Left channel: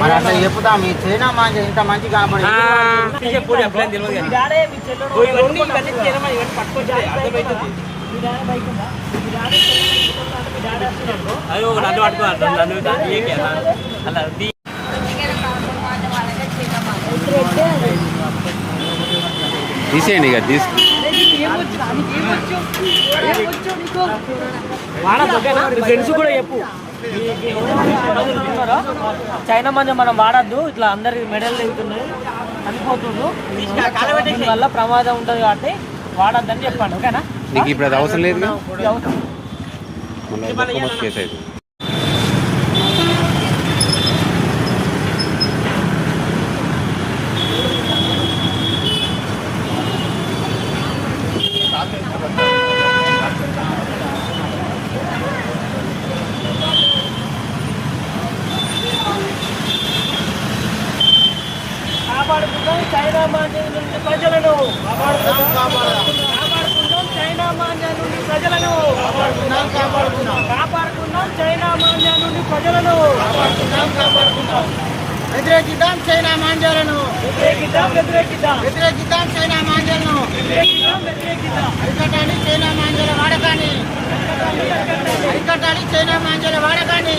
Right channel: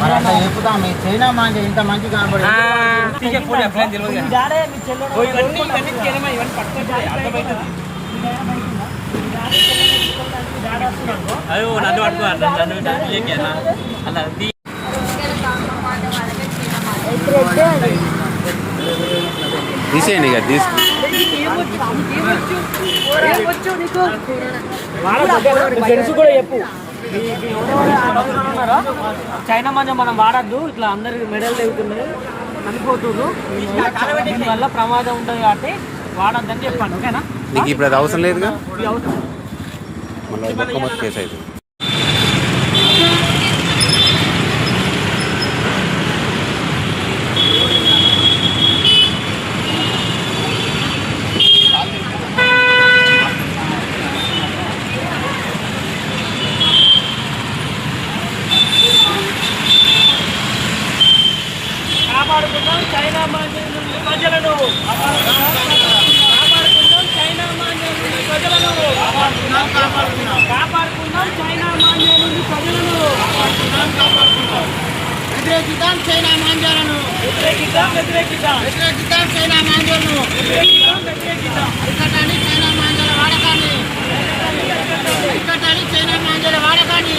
మరి అట్లా చెప్పుదా మీ చైనా మాంజ ఇంత మంచి కనబడి నన్ను పట్టుకో అలా తీసేయండి ఇక చైనా మంది మనం వాడద్దు, ఇట్లా అందరికి మెడల్ అవుతున్నాయి చనిపోతున్నారు, వల్ల ప్రమాదం ఉంటుంది కాబట్టి వాడద్దని చెప్పాను. ఓకేనా? నీకు ఇప్పుడు అది అవసరం లేదు, మళ్ళీ కేసు అవుతుంది. కాపాడుకుందాం చైనా మాంద్యం నుండి ప్రజలను, కాపాడుకుందాం చైనా మాంద్యం నుండి ప్రజలను, కాపాడుకుందాం చైనా మాంద్యం నుండి ప్రజలను, వ్యతిరేకిద్దాం చైనా మాంద్యాలను, వ్యతిరేకిద్దాం చైనా మాంద్యాలను, అరికట్టాలి చైనా మాంద్యాల వాడకాన్ని, అరికట్టాలి చైనా మాంద్యాల వాడకాన్ని.